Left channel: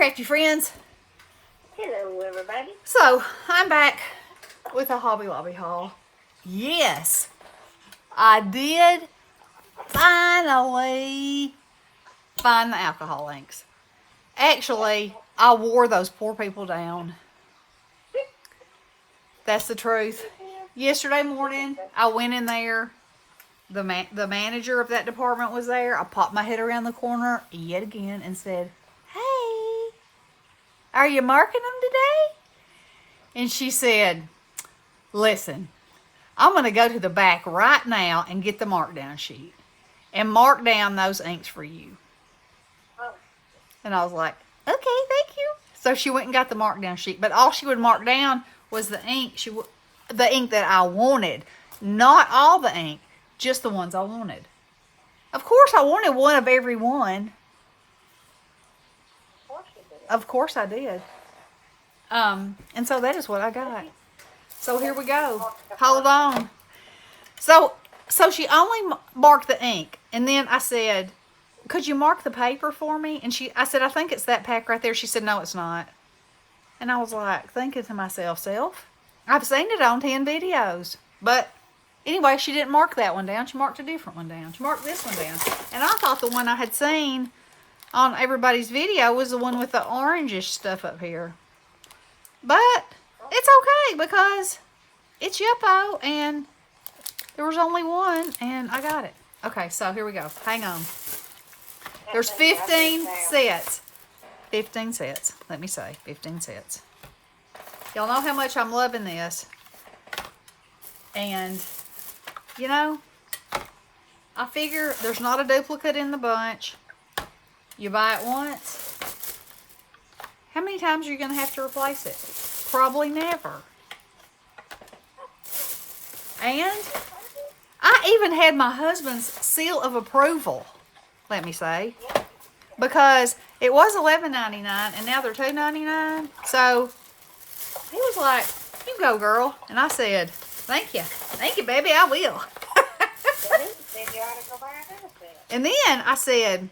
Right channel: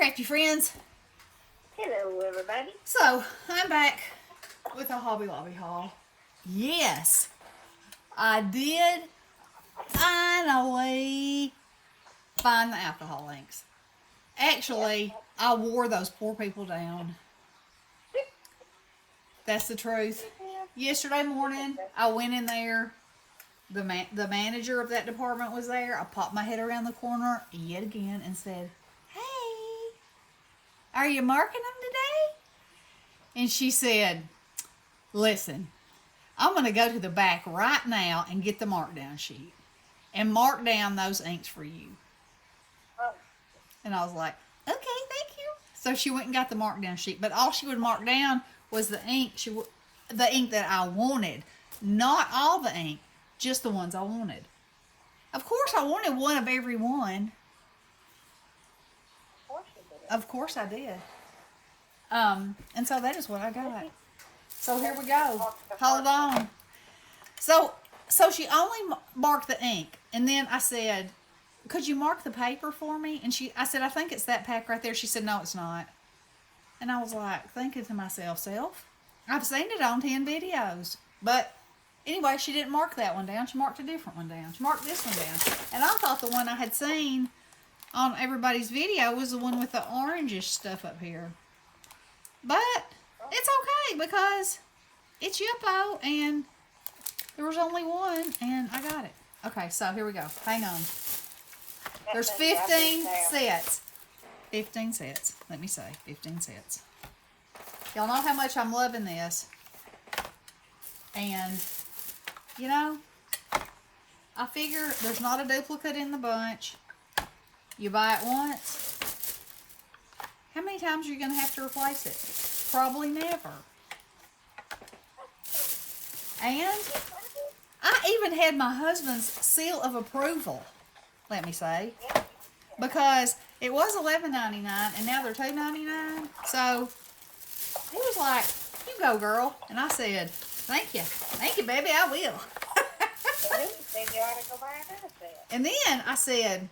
crafty friends. Hello, everybody. So, I'm back with a Hobby Lobby haul. Yes, I did finally find the alcohol inks. Actually, I wore those poor people down. That's the truth. Yesterday morning, I went in there. The manager of that department was there. I popped my head around the corner yet again and said, "Hey, are you marking them today?" And she said, "Listen, I'm going to go to the back right now and get the markdown sheet and mark down those inks for you." And I was like, "Okay, thank you." So she went and got the markdown sheet, but all she would mark down was the ink. The ink that I wanted, not all the ink, just the ones I wanted. Of course, I wanted one of every one. Of course I did. And so that is what I got. So here we go. Hold on. So she only marked the ink, and then I said, "Could you mark the paper for me?" And I said, "I think it's that pack right there." She said, "No, it's not." And I was like, thinking to myself, I've seen it on 10 videos. But anyway, she didn't mark that one down. She marked a different one down. She marked this one down. And I thought the one I had seen on everybody's video was the one with the orangish stuff up here. But it's okay because it's Yupo and there was only one and I got it. Okay, so here we go. Hang on. There's 15 sets. 15 sets. Let me say, 15 sets. Y'all know how much I'm loving this. And, you know, I figure there's not a duplicate in the bunch. You buy it once. How many times are you going to have to replace it? Probably never. And I even had my husband's seal of approval, let me say. Because it was $11.99 and now they're $2.99. So he was like, "You go, girl." And I said, "Thank you. Thank you, baby. I will." And then I said,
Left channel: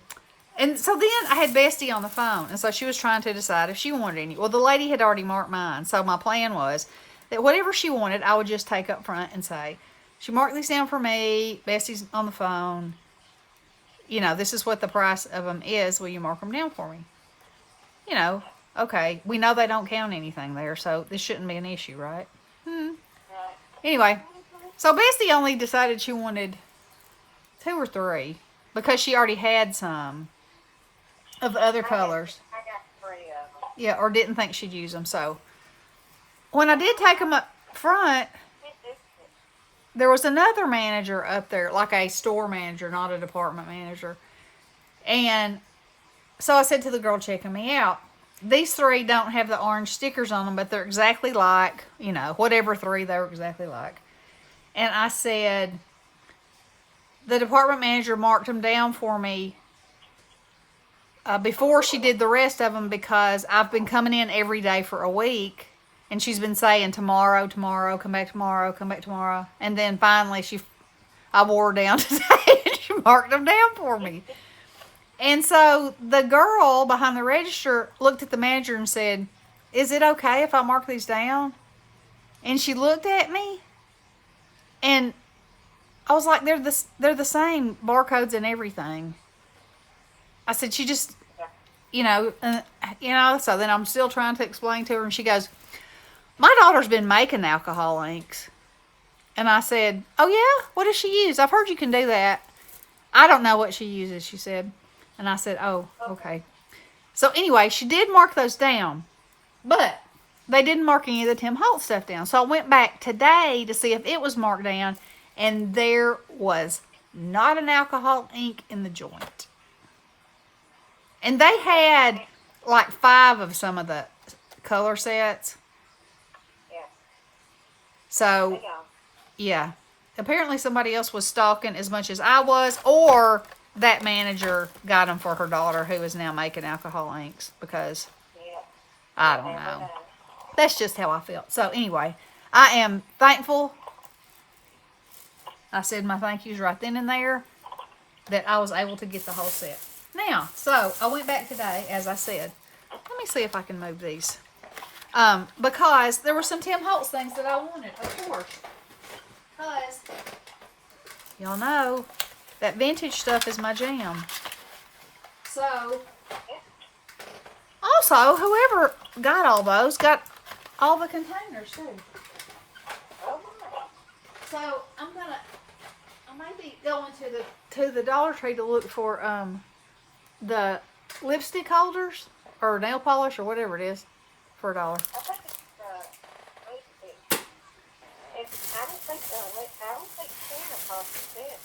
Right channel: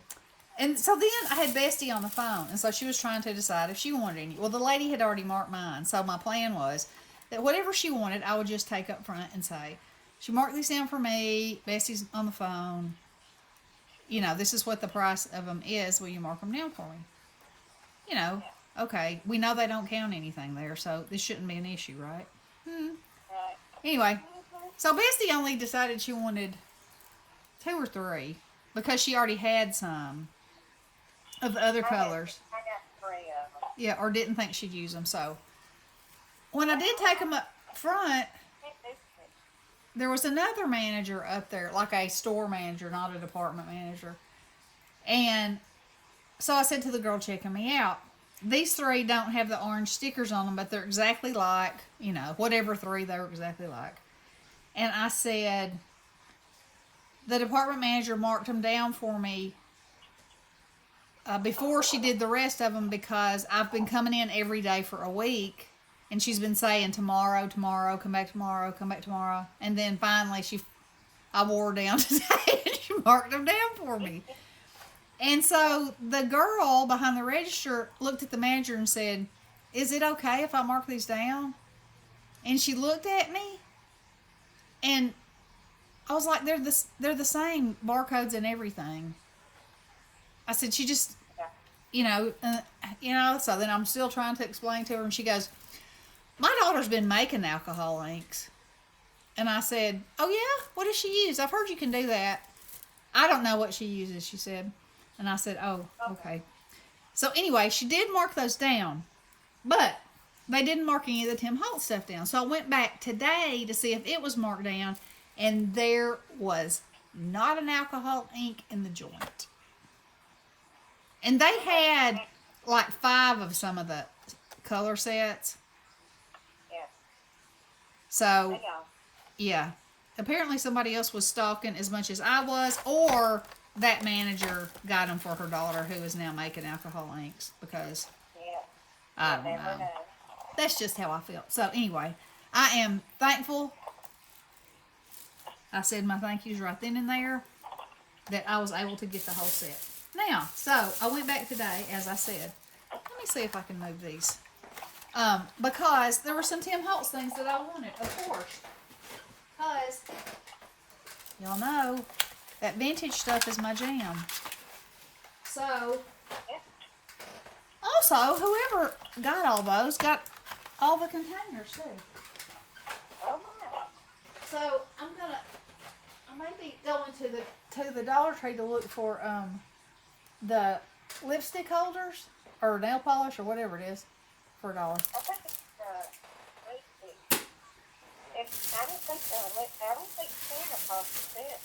and so then I had Bestie on the phone. And so she was trying to decide if she wanted any. Well, the lady had already marked mine. So my plan was that whatever she wanted, I would just take up front and say, "She marked these down for me. Bestie's on the phone. You know, this is what the price of them is. Will you mark them down for me?" You know, okay. We know they don't count anything there, so this shouldn't be an issue, right? Anyway, so Bestie only decided she wanted 2 or 3 because she already had some of the other colors. I got 3 of them. Yeah, or didn't think she'd use them. So when I did take them up front, there was another manager up there, like a store manager, not a department manager. And so I said to the girl checking me out, "These 3 don't have the orange stickers on them, but they're exactly like, you know, whatever 3 they were exactly like." And I said, the department manager marked them down for me before she did the rest of them because I've been coming in every day for a week. And she's been saying, tomorrow, come back tomorrow, come back tomorrow. And then finally I wore her down today and she marked them down for me. And so the girl behind the register looked at the manager and said, "Is it okay if I mark these down?" And she looked at me and I was like, they're the same barcodes and everything. I said, she just, so then I'm still trying to explain to her and she goes, "My daughter's been making alcohol inks." And I said, "Oh yeah? What does she use? I've heard you can do that." "I don't know what she uses," she said. And I said, "Oh, okay." So anyway, she did mark those down, but they didn't mark any of the Tim Holtz stuff down. So I went back today to see if it was marked down, and there was not an alcohol ink in the joint. And they had like 5 of some of the color sets. So, yeah. Apparently somebody else was stalking as much as I was, or that manager got them for her daughter who is now making alcohol inks because, I don't know. That's just how I felt. So, anyway, I am thankful. I said my thank yous right then and there that I was able to get the whole set. Now, so I went back today, as I said. Come me see if I can move these. Because there were some Tim Holtz things that I wanted, of course. Because y'all know that vintage stuff is my jam. So, also, whoever got all those got all the containers too. So I may be going to the Dollar Tree to look for the lipstick holders or nail polish or whatever it is for $1. I think it's I don't think Santa costs it.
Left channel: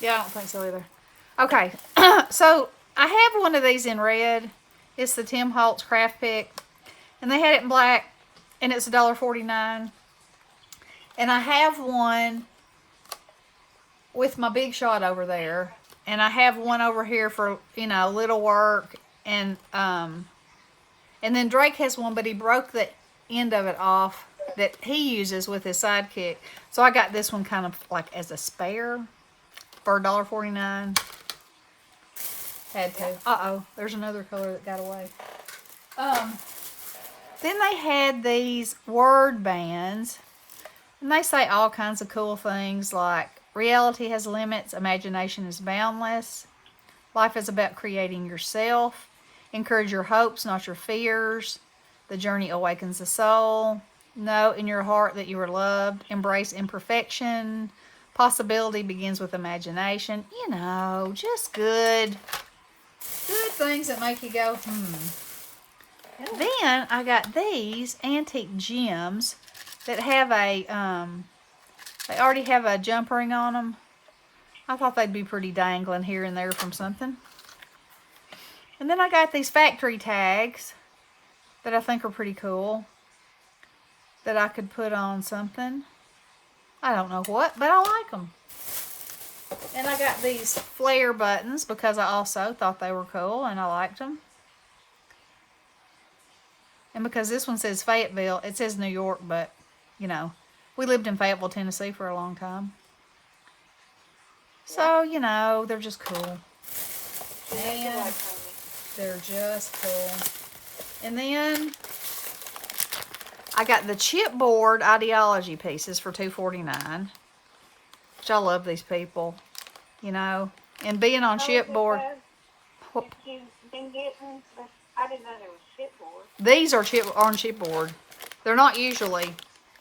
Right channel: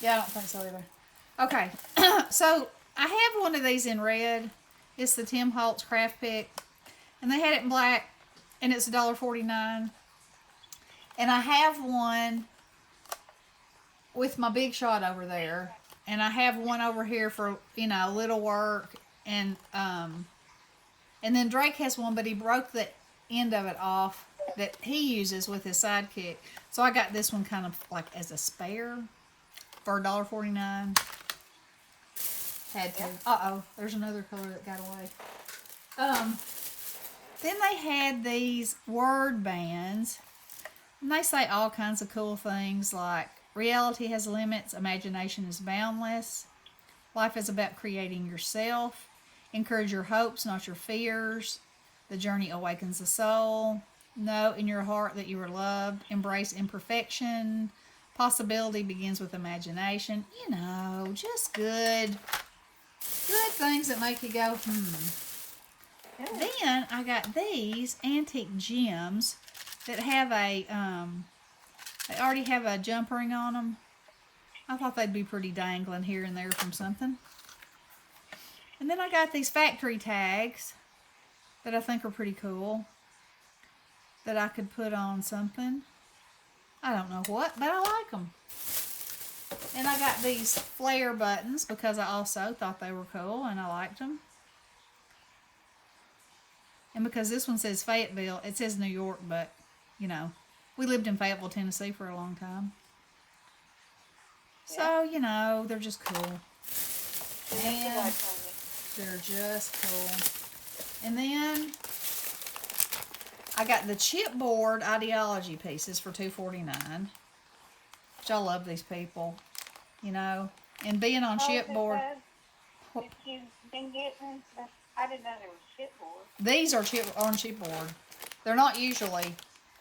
Yeah, I don't think so either. Okay, so I have one of these in red. It's the Tim Holtz Craft Pick, and they had it in black, and it's $1.49. And I have one with my big shot over there, and I have one over here for, you know, little work, and then Drake has one, but he broke the end of it off that he uses with his sidekick. So I got this one kind of like as a spare for $1.49. Had to. Uh-oh, there's another color that got away. Then they had these word bands, and they say all kinds of cool things like reality has limits, imagination is boundless, life is about creating yourself, encourage your hopes, not your fears, the journey awakens the soul, know in your heart that you are loved, embrace imperfection, possibility begins with imagination. You know, just good things that make you go, And then I got these antique gems that have a, they already have a jump ring on them. I thought they'd be pretty dangling here and there from something. And then I got these factory tags that I think are pretty cool that I could put on something. I don't know what, but I like them. And I got these flare buttons because I also thought they were cool and I liked them. And because this one says Fayetteville, it says New York, but, you know, we lived in Fayetteville, Tennessee for a long time. So, you know, they're just cool. And they're just cool. And then I got the chipboard ideology pieces for $2.49. Which I love these people, you know. And being on chipboard. If you've been getting, I didn't know there was chipboard. These are on chipboard. They're not usually,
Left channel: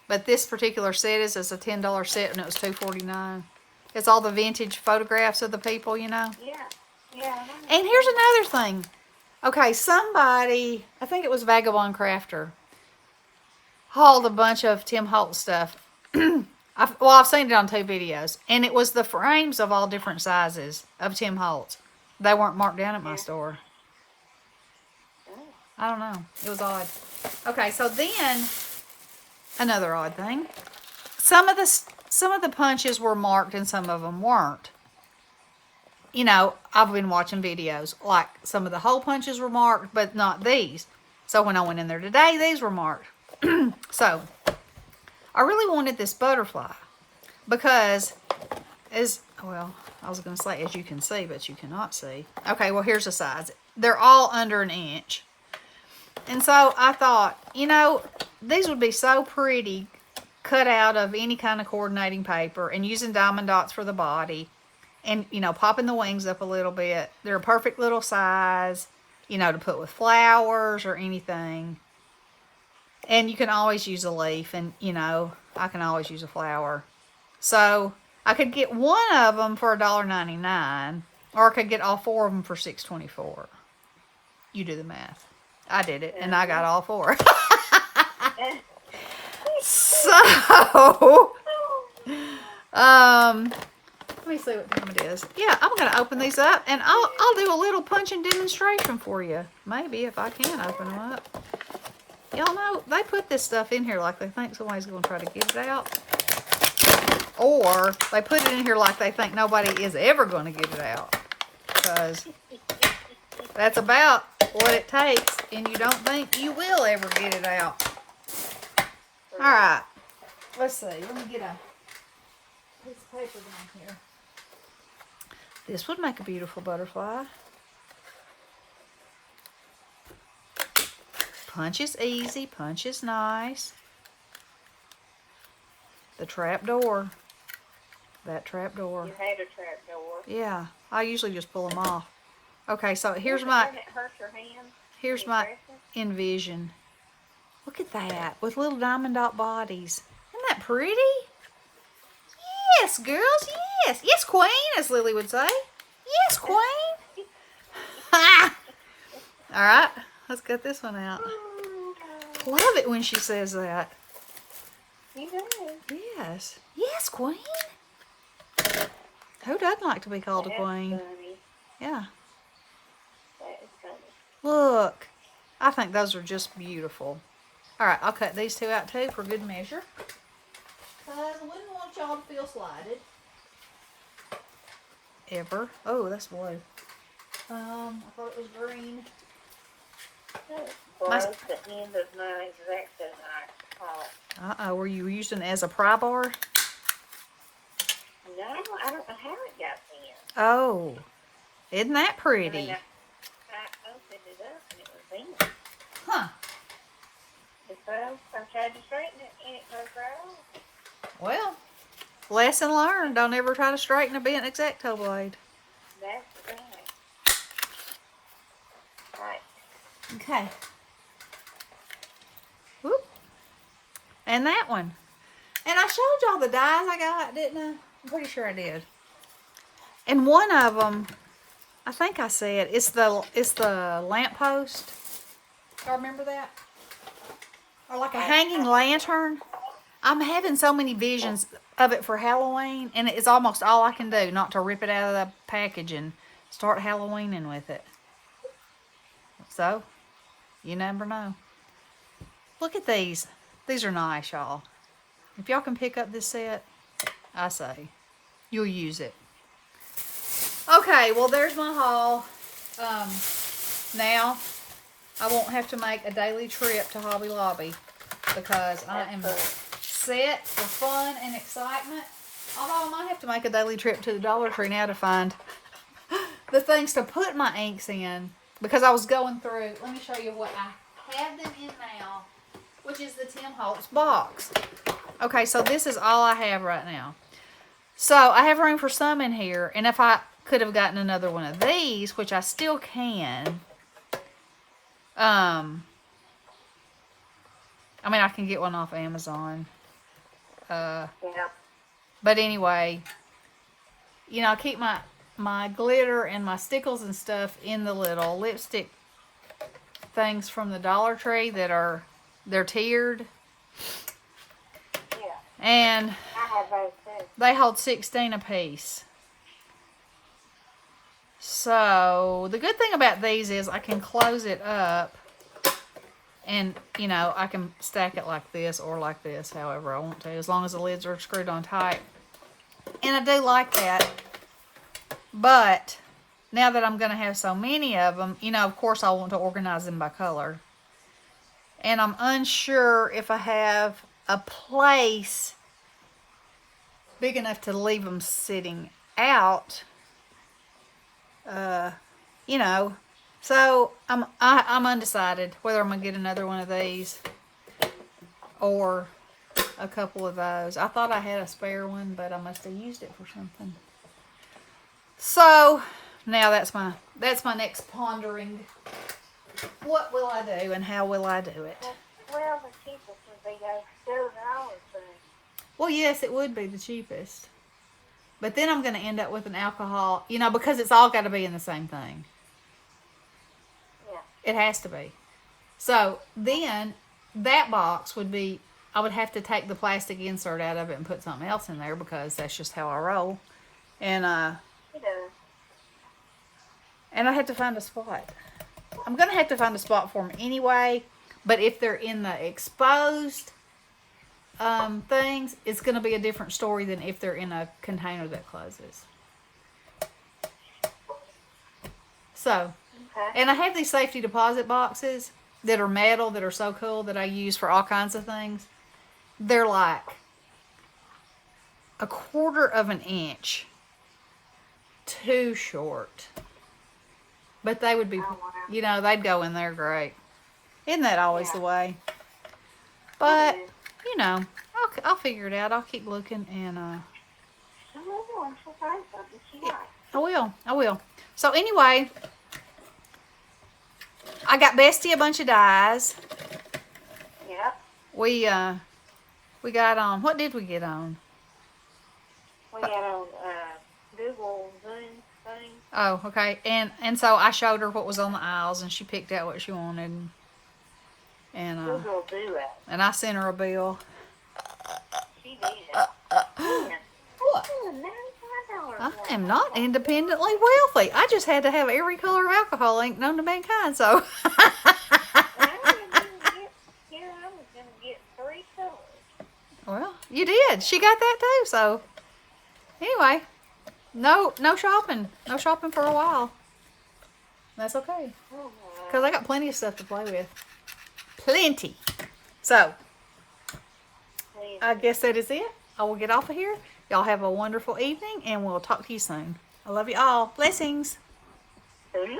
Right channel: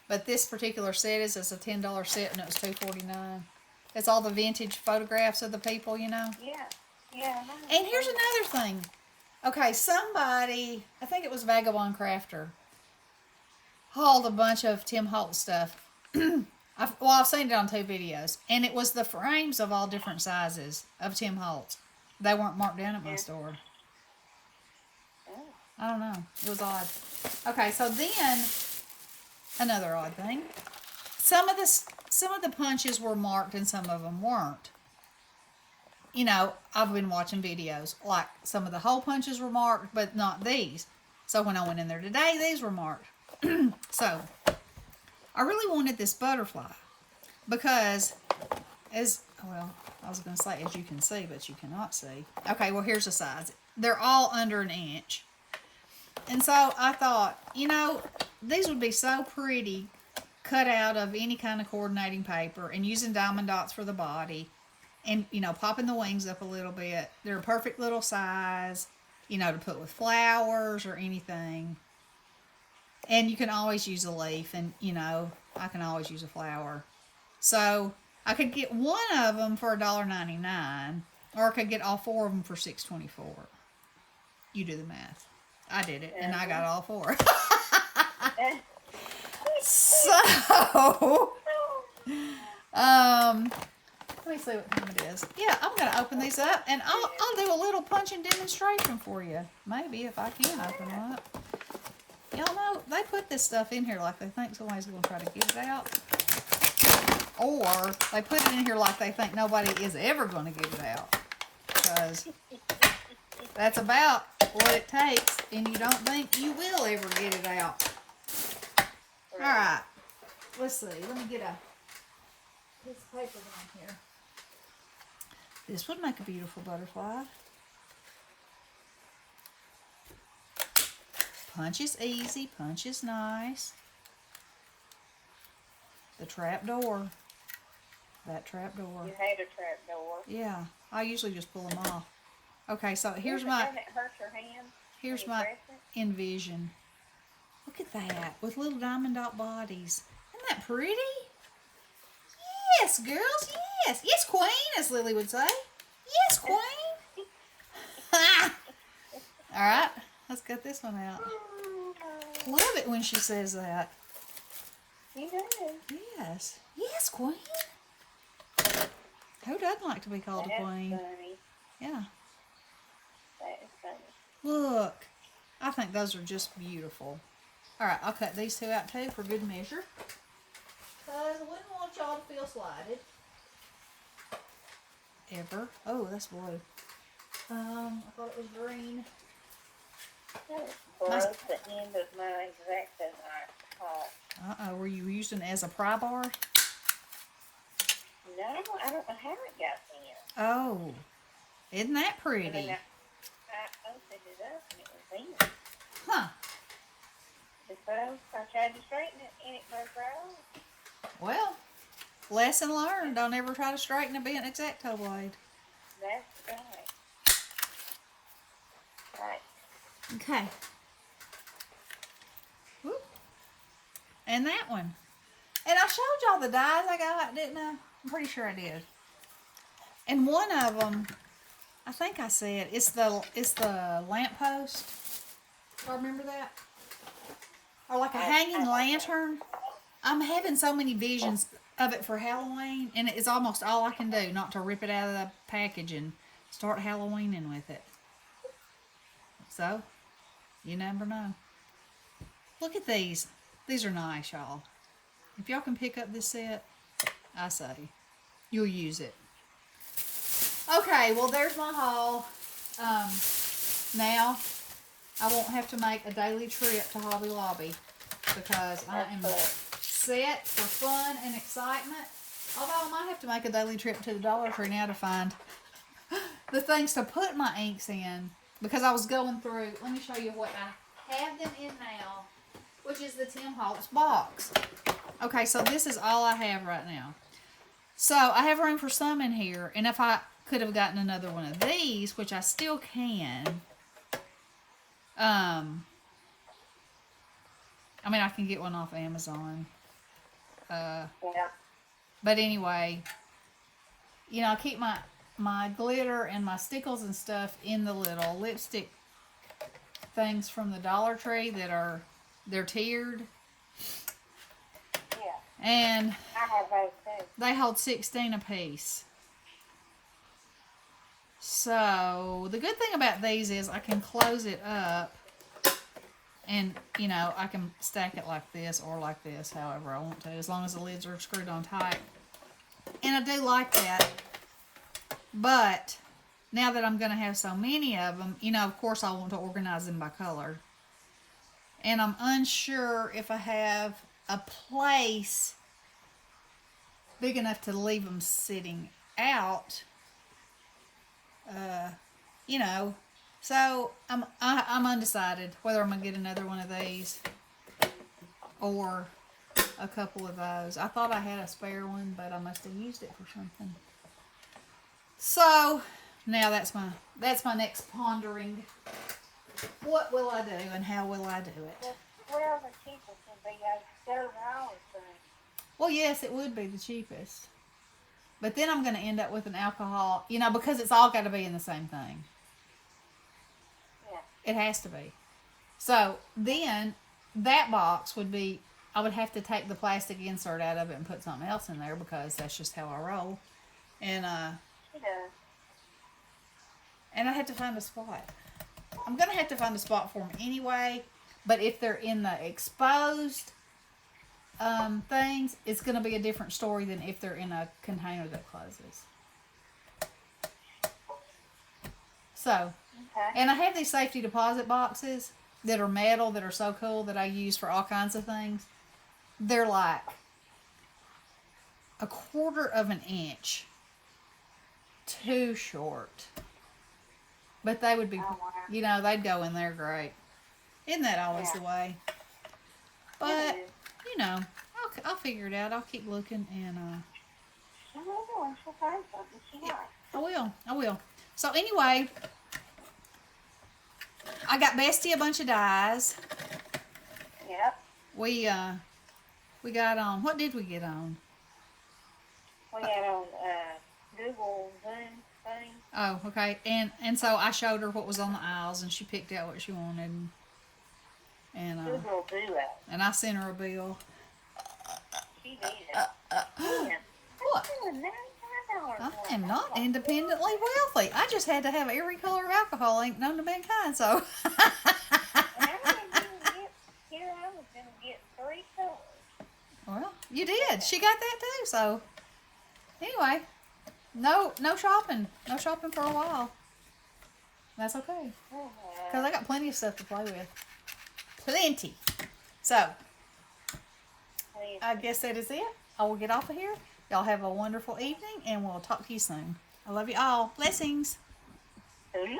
but this particular set is a $10 set, and it was $2.49. It's all the vintage photographs of the people, you know. Yeah, yeah. And here's another thing. Okay, somebody, I think it was Vagabond Crafter, hauled a bunch of Tim Holtz stuff. I've seen it on 2 videos, and it was the frames of all different sizes of Tim Holtz. They weren't marked down at my store. I don't know. It was odd. Okay, so then another odd thing. Some of the punches were marked and some of them weren't. You know, I've been watching videos like some of the hole punches were marked, but not these. So when I went in there today, these were marked. So I really wanted this butterfly because I was going to say as you can see, but you cannot see. Okay, well, here's the size. They're all under 1 inch. And so I thought, you know, these would be so pretty cut out of any kind of coordinating paper and using diamond dots for the body and, you know, popping the wings up a little bit. They're a perfect little size, you know, to put with flowers or anything. And you can always use a leaf and, you know, I can always use a flower. So I could get one of them for $1.99 or I could get all 4 of them for $6.24. You do the math. I did it, and I got all 4. So, let me see what time it is. Yeah, I'm going to open these up, and I'll do a little punching demonstration for you. Maybe, if I can open them up. Y'all know, they put this stuff in here like they think somebody's going to try to get it out. Or, they put it in here like they think nobody is ever going to get it out. Because that's about what it takes, and you don't think you will ever get it out. Alright, let's see. Let me get a piece of paper down here. This would make a beautiful butterfly. Punch is easy. Punch is nice. The trap door. That trap door. You had a trap door. Yeah. I usually just pull them off. Okay, so here's Doesn't it hurt your hand? here's my envision. Look at that. With little diamond dot bodies. Isn't that pretty? Yes, girls. Yes. Yes, queen, as Lily would say. Yes, queen. Ha! All right. Let's get this one out. Love it when she says that. You do. Yes. Yes, queen. Who doesn't like to be called a queen? Funny. Yeah. That is funny. Look. I think those are just beautiful. All right, I'll cut these two out too for good measure. Because I wouldn't want y'all to feel slighted. Ever. Oh, that's blue. I thought it was green. That broke the end of my Exacto knife. Uh-oh, were you using it as a pry bar? No, I don't know how it got in. Oh, isn't that pretty? I mean, I opened it up and it was in. Huh. And so I tried to straighten it and it goes right off. Well, lesson learned. Don't ever try to straighten a bent Exacto blade. That's right. Right. Okay. Whoop. And that one. And I showed y'all the dies I got, didn't I? I'm pretty sure I did. And one of them, I think I said, it's the lamppost. Y'all remember that? Or like a hanging lantern. I'm having so many visions of it for Halloween, and it's almost all I can do not to rip it out of the package and start Halloweening with it. So, you never know. Look at these. These are nice, y'all. If y'all can pick up this set, I say, you'll use it. Okay, well, there's my haul. Now, I won't have to make a daily trip to Hobby Lobby because I am set for fun and excitement. Although I might have to make a daily trip to the Dollar Tree now to find the things to put my inks in. Because I was going through, let me show you what I have them in now, which is the Tim Holtz box. Okay, so this is all I have right now. So I have room for some in here, and if I could have gotten another one of these, which I still can, I mean, I can get one off Amazon. Yeah. But anyway, you know, I keep my glitter and my stickles and stuff in the little lipstick things from the Dollar Tree that they're tiered. Yeah. And I have those too. they hold 16 a piece. So the good thing about these is I can close it up and, you know, I can stack it like this or like this, however I want to, as long as the lids are screwed on tight. And I do like that. But now that I'm going to have so many of them, you know, of course I want to organize them by color. And I'm unsure if I have a place big enough to leave them sitting out. You know, so I'm undecided whether I'm going to get another one of these or a couple of those. I thought I had a spare one, but I must have used it for something. So now that's my next pondering. What will I do and how will I do it? Well, the cheapest would be $2. Well, yes, it would be the cheapest. But then I'm going to end up with an alcohol, you know, because it's all got to be in the same thing. Yeah. It has to be. So then that box would be, I would have to take the plastic insert out of it and put something else in there because that's just how I roll. And She does. and I had to find a spot. I'm going to have to find a spot for them anyway, but if they're in the exposed things, it's going to be a different story than if they're in a container that closes. So, Okay. and I have these safety deposit boxes that are metal that are so cool that I use for all kinds of things. They're like 1/4 of an inch too short. But they would be, Oh, wow. you know, they'd go in there great. Isn't that always Yeah. the way? But, It is. you know, I'll figure it out. I'll keep looking and, She will, and she'll find something she yeah, likes. I will. So anyway, I got Bestie a bunch of dies. Yep. We got on, what did we get on? We got on Google Zoom thing. Oh, okay. And so I showed her what was on the aisles and she picked out what she wanted. Google Duo. And I sent her a bill. She did it. Man, What? I am not independently wealthy. I just had to have every color of alcohol ain't known to mankind, so. I was going to get 3 colors. Well, you did. She got that too, so. Anyway, no shopping. No shopping for a while. That's okay. Because I got plenty of stuff to play with. Plenty. So, I guess that is it. I will get off of here. Y'all have a wonderful evening, and we'll talk to you soon. I love you all. Blessings. Hello.